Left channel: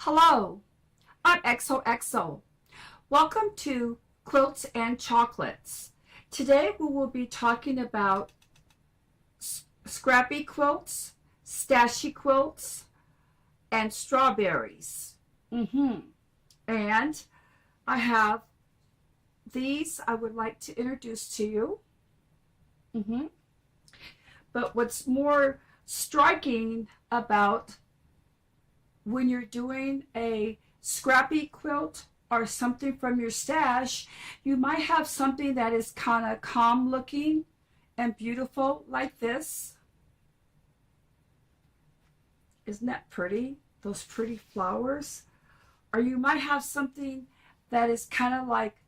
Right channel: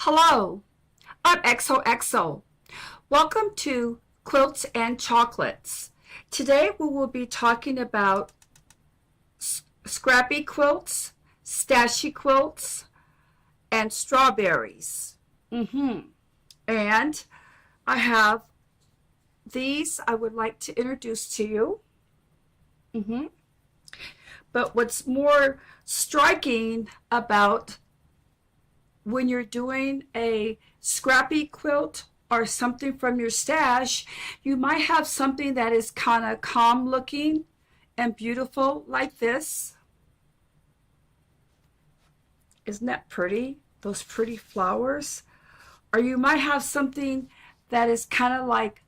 Hello, I'm XOXO. Welcome to Quilts and Chocolates. Today we will be talking about scrappy quilts, stashy quilts, and strawberries. And I have these I would like to introduce to you. But what's more striking about when you're doing a scrappy quilt or something from your stash, you might have something that is kind of calm looking and beautiful like this. Isn't that pretty? Those pretty flowers. Or you might have something that is kind of like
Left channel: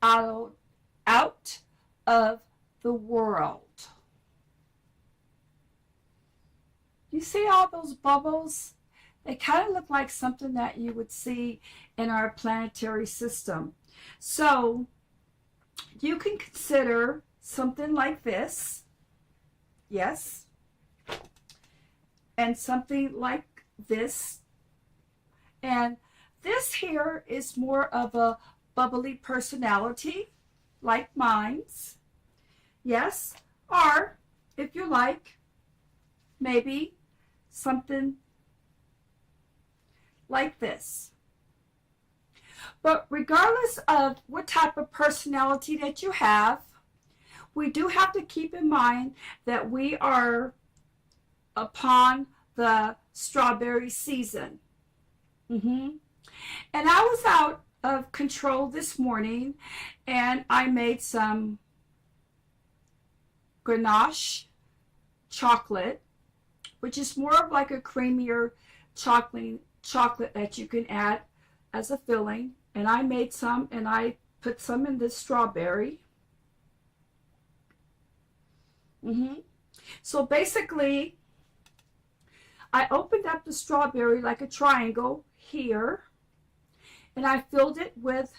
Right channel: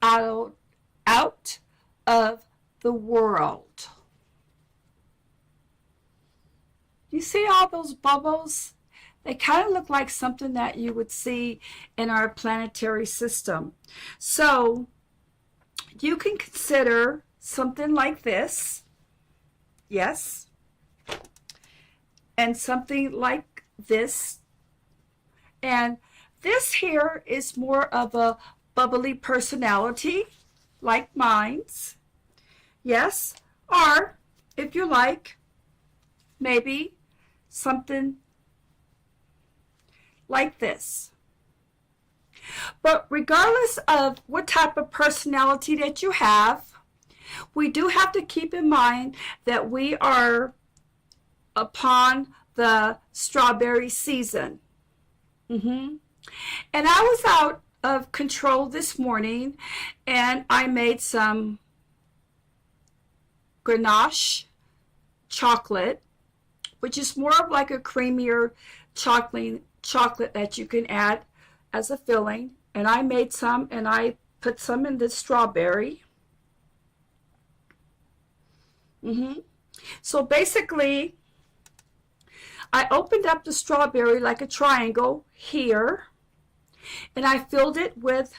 out of the world. You see all those bubbles? They kind of look like something that you would see in our planetary system. So you can consider something like this, yes, and something like this. And this here is more of a bubbly personality, like mine's, yes, or if you like, maybe something like this. But regardless of what type of personality that you have, we do have to keep in mind that we are upon the strawberry season. And I was out of control this morning and I made some ganache chocolate, which is more of like a creamier chocolate that you can add as a filling. And I made some and I put some in the strawberry. So basically, I opened up the strawberry like a triangle here, and I filled it with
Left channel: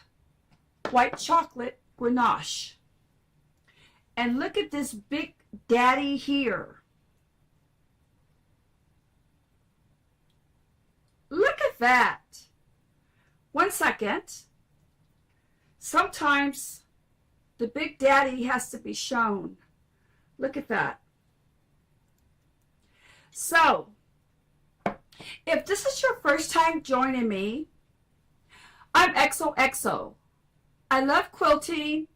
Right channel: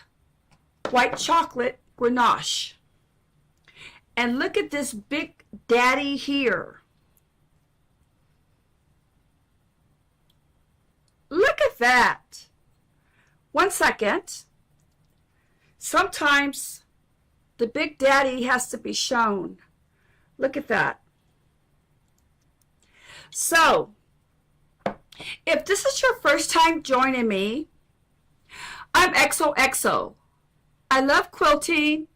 white chocolate ganache. And look at this big daddy here. Look at that. 1 second. Sometimes the big daddy has to be shown. Look at that. So, if this is your first time joining me, I'm XOXO. I love quilting.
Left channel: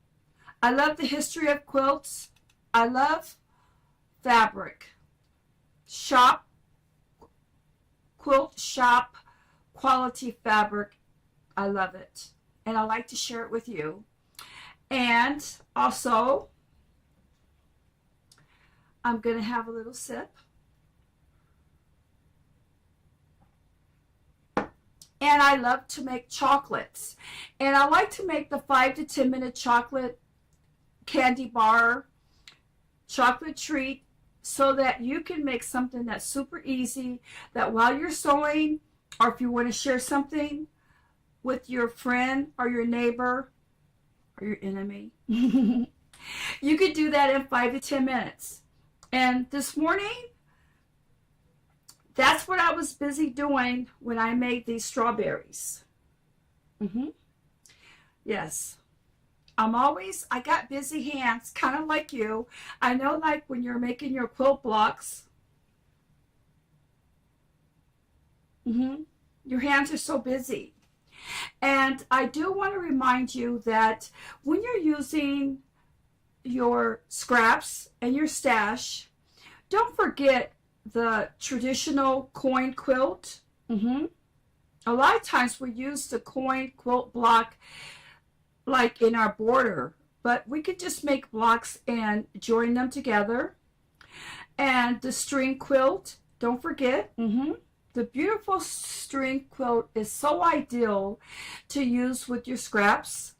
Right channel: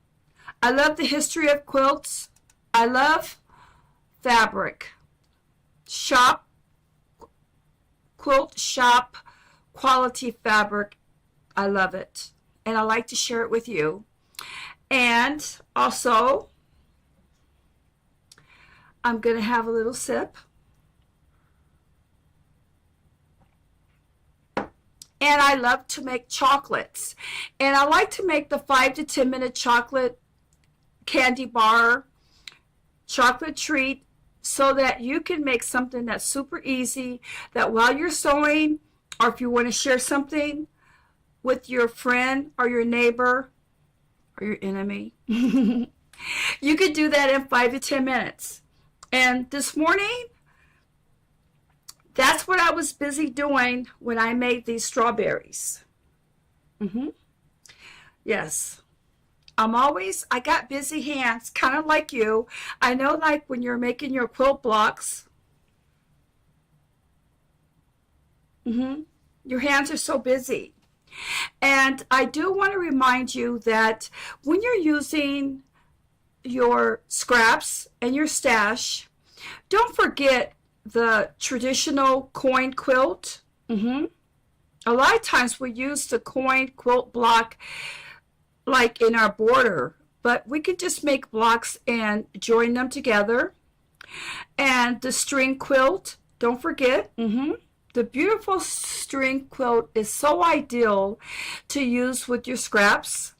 I love the history of quilts. I love fabric. Quilt shop quality fabric. I love it. And I like to share it with you. And also, I'm going to have a little sip. And I love to make chocolates. And I like to make the 5 to 10 minute chocolate candy bar, chocolate treat, so that you can make something that's super easy, that while you're sewing, or if you want to share something with your friend or your neighbor or your enemy, you could do that in 5 to 10 minutes. And this morning, that's what I was busy doing when I made these strawberries. Yes. I got busy hands, kind of like you. I know, like when you're making your quilt blocks, your hands are so busy. And I do want to remind you that when you're using your scraps and your stash, don't forget the traditional coin quilt. A lot of times we use the coin quilt block like in our border, but we could just make blocks and join them together. And the string quilt, don't forget, the beautiful string quilt is so ideal to use with your scraps.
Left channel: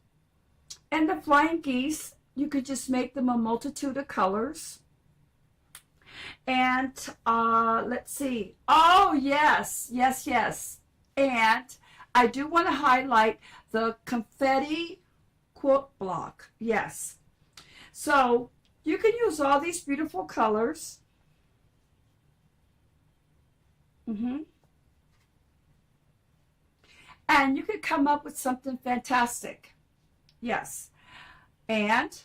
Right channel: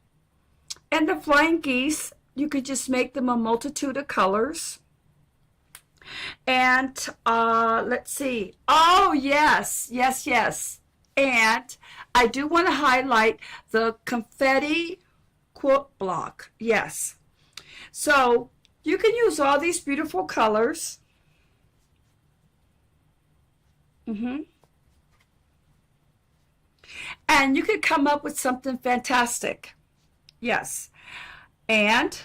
And the flying geese, you could just make them a multitude of colors. And let's see. Oh, yes. And I do want to highlight the confetti quilt block. Yes. So you can use all these beautiful colors. and you could come up with something fantastic. Yes. And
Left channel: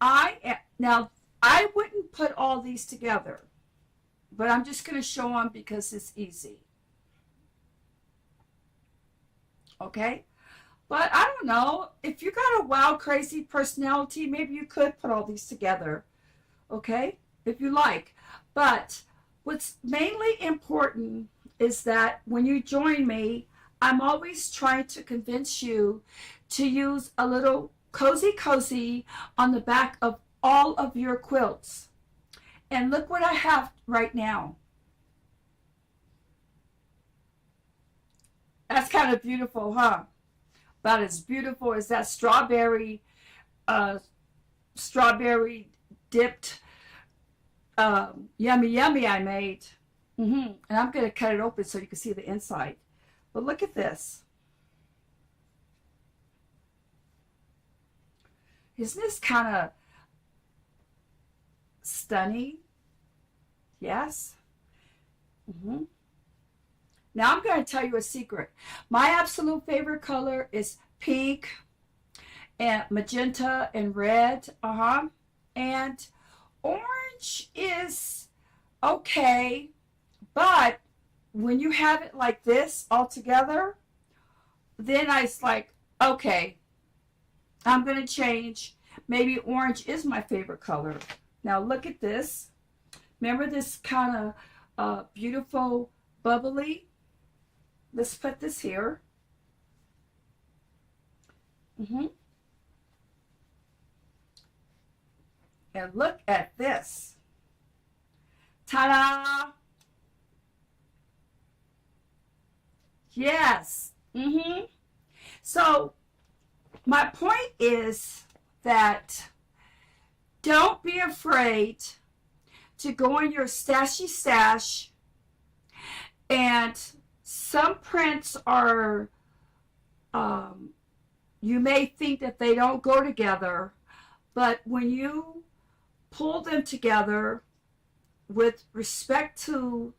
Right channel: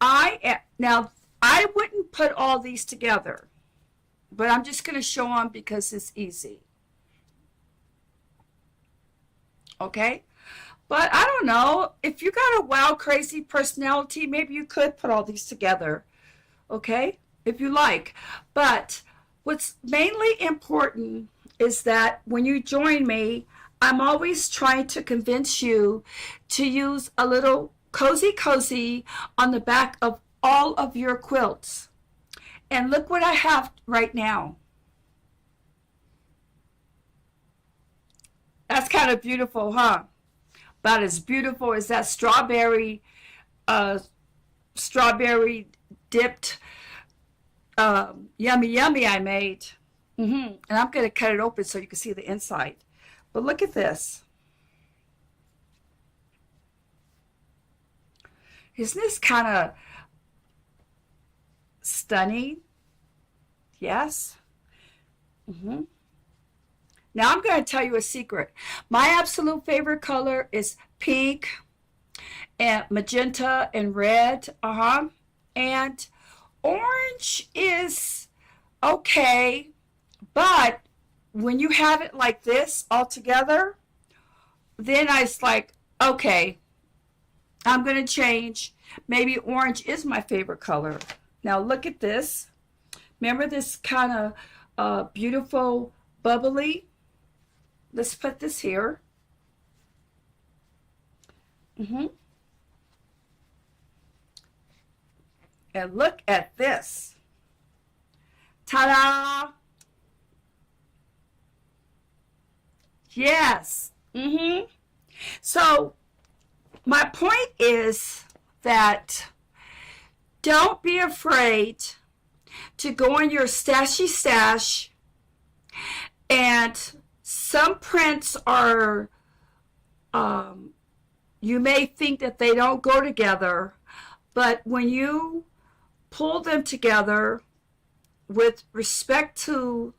now I wouldn't put all these together, but I'm just going to show them because it's easy. Okay? But I don't know, if you got a wild, crazy personality, maybe you could put all these together. Okay? If you like. But what's mainly important is that when you join me, I'm always trying to convince you to use a little cozy on the back of all of your quilts. And look what I have right now. That's kind of beautiful, huh? About as beautiful as that uh, strawberry dipped yummy I made. And I'm going to cut it open so you can see the inside. But look at this. Isn't this kind of stunning? Yes. Now I'm going to tell you a secret. My absolute favorite color is pink and magenta and red. And orange is okay, but when you have it like this all together, then I was like, okay, I'm going to change. Maybe orange is my favorite color. Now look at this. Remember this kind of beautiful bubbly? Let's put this here. And look at this. Ta-da! Yes. So my point is that don't be afraid to go in your stashy stash, and some prints are, you may think that they don't go together, but when you pull them together with respect to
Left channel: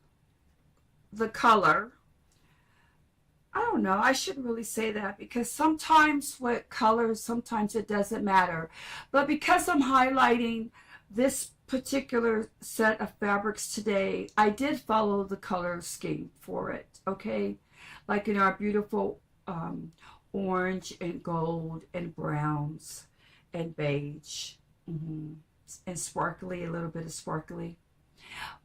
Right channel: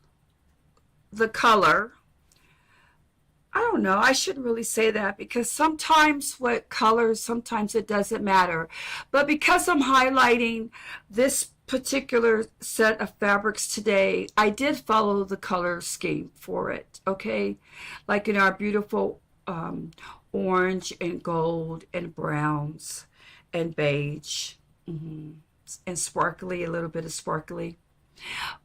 the color, I don't know, I shouldn't really say that, because sometimes what colors, sometimes it doesn't matter. But because I'm highlighting this particular set of fabrics today, I did follow the color scheme for it, okay? Like in our beautiful orange and gold and browns and beige, and sparkly, a little bit of sparkly.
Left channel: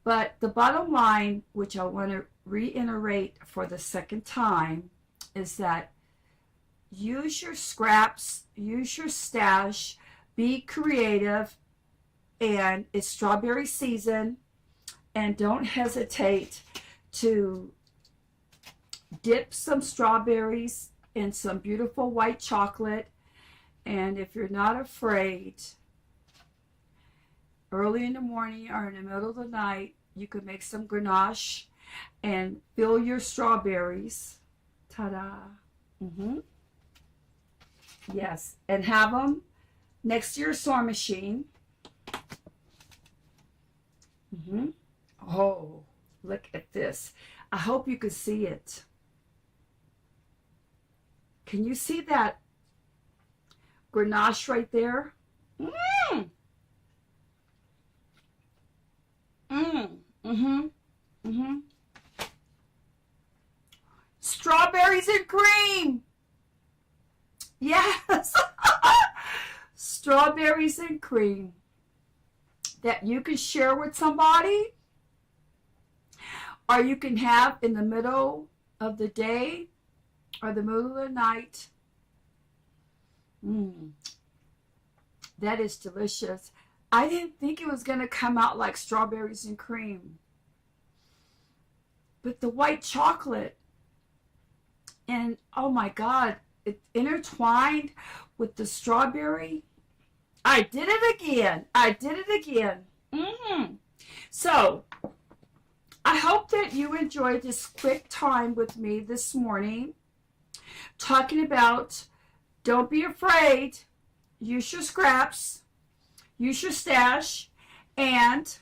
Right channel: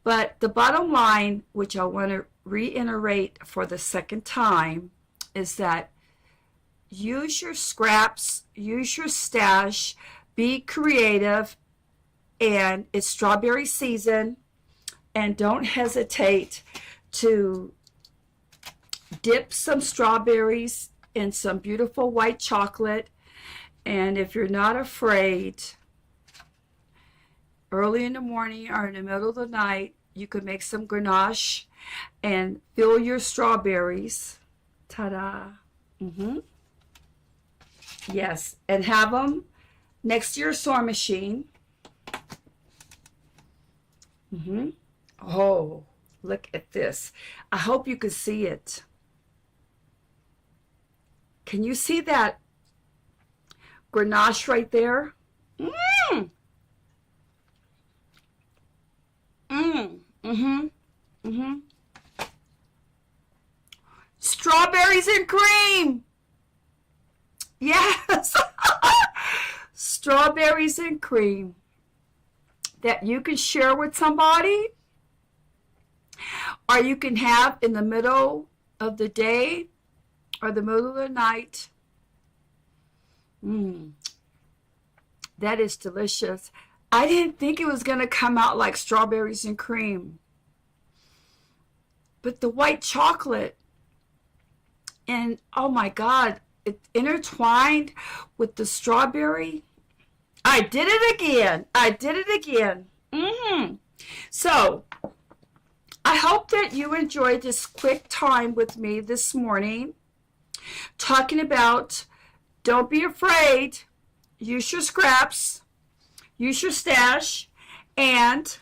But the bottom line, which I want to reiterate for the second time, is that use your scraps, use your stash, be creative, and it's strawberry season, and don't hesitate to dip some strawberries in some beautiful white chocolate. And if you're not afraid, early in the morning or in the middle of the night, you could make some ganache and fill your strawberries. Ta-da. Yes, and have them next to your sewing machine. Oh, look at this. I hope you can see it. Can you see that ganache right there? Strawberries and cream. Yes. Strawberries and cream that you can share with somebody, or you can have in the middle of the day or the middle of the night. That is delicious. I didn't think it was going to come out like strawberries and cream. But the white chocolate, and oh my God, it intertwined with the strawberry. I did it again. I did it again. So I hope that you enjoyed this quick time with me this morning, talking about don't be afraid, use your scraps, use your stash, and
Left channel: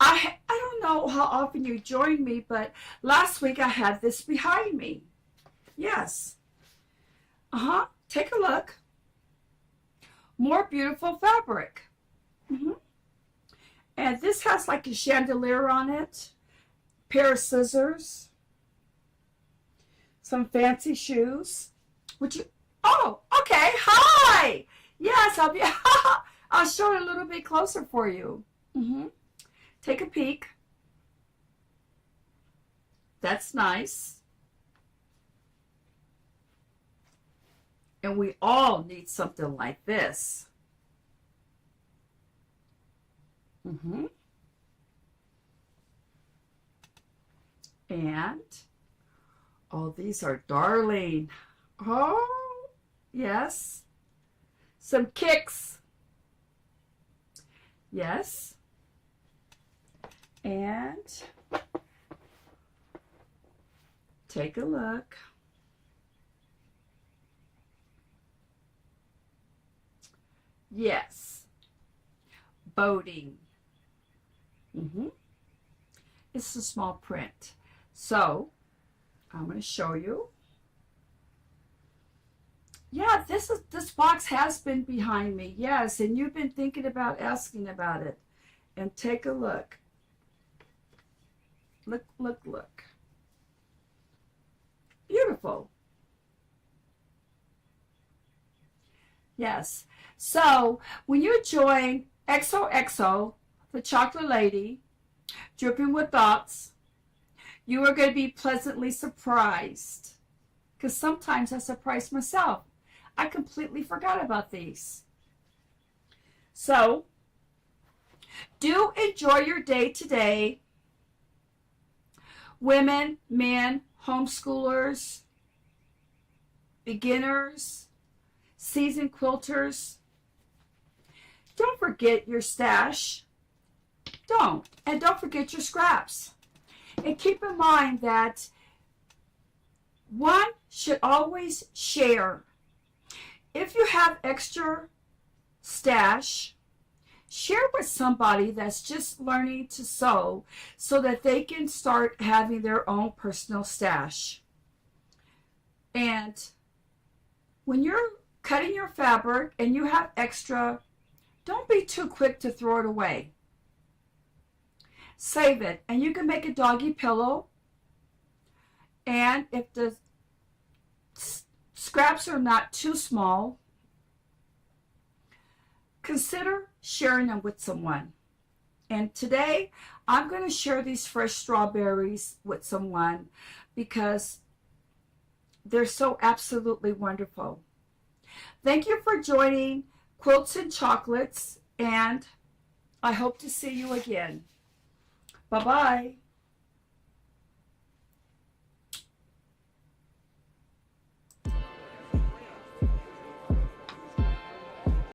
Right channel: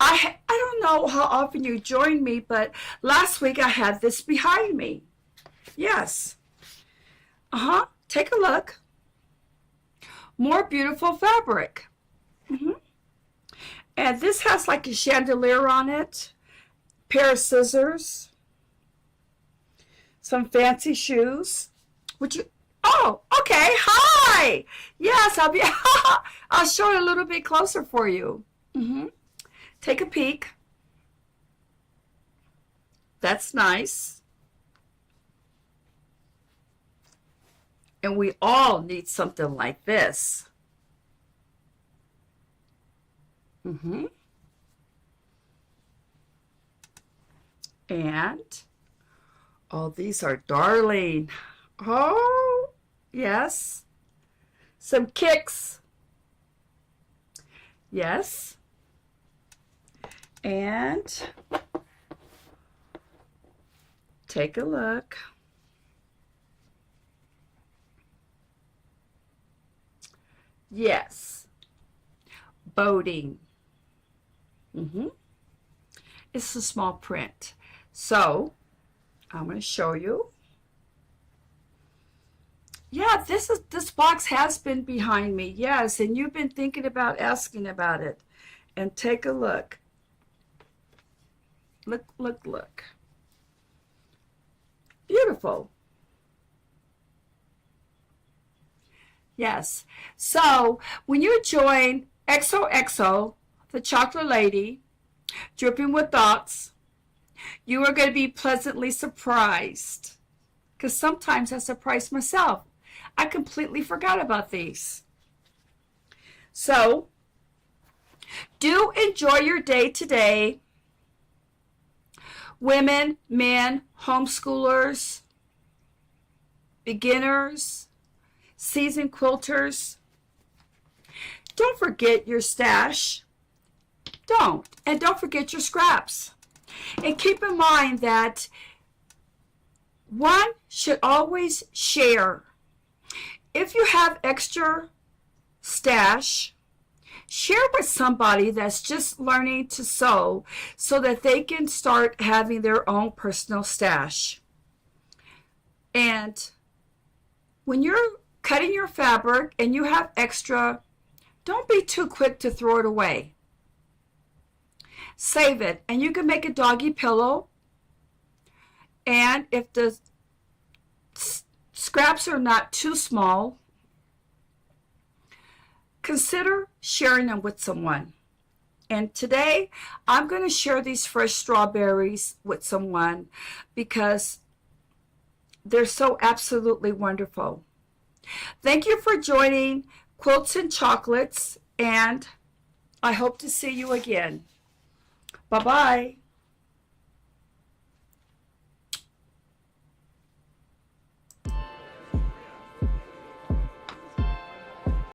I don't know how often you join me, but last week I had this behind me. Yes. Take a look. More beautiful fabric. And this has like a chandelier on it. Pair of scissors. Some fancy shoes. Would you? Oh, okay. Hi. Yes, I'll be. I'll show it a little bit closer for you. Take a peek. That's nice. And we all need something like this. And, oh, these are darling. Oh, yes. Some kicks. Yes. And take a look. Yes. Boating. It's a small print. So I'm going to show you. Yeah, this box has been behind me. Yes, and you've been thinking about asking about it. And take a look. Look, look, look. Beautiful. Yes. So when you join XOXO, the Chocolate Lady, Dripping with Thoughts, you are going to be pleasantly surprised. Because sometimes I surprise myself. I completely forgot about these. So, do enjoy your day today. Women, men, homeschoolers, beginners, seasoned quilters. Don't forget your stash. Don't. And don't forget your scraps. And keep in mind that one should always share. If you have extra stash, share with somebody that's just learning to sew so that they can start having their own personal stash. And when you're cutting your fabric and you have extra, don't be too quick to throw it away. Save it, and you can make a doggy pillow. And if the scraps are not too small, consider sharing them with someone. And today, I'm going to share these fresh strawberries with someone because they're so absolutely wonderful. Thank you for joining Quilts and Chocolates, and I hope to see you again. Bye-bye.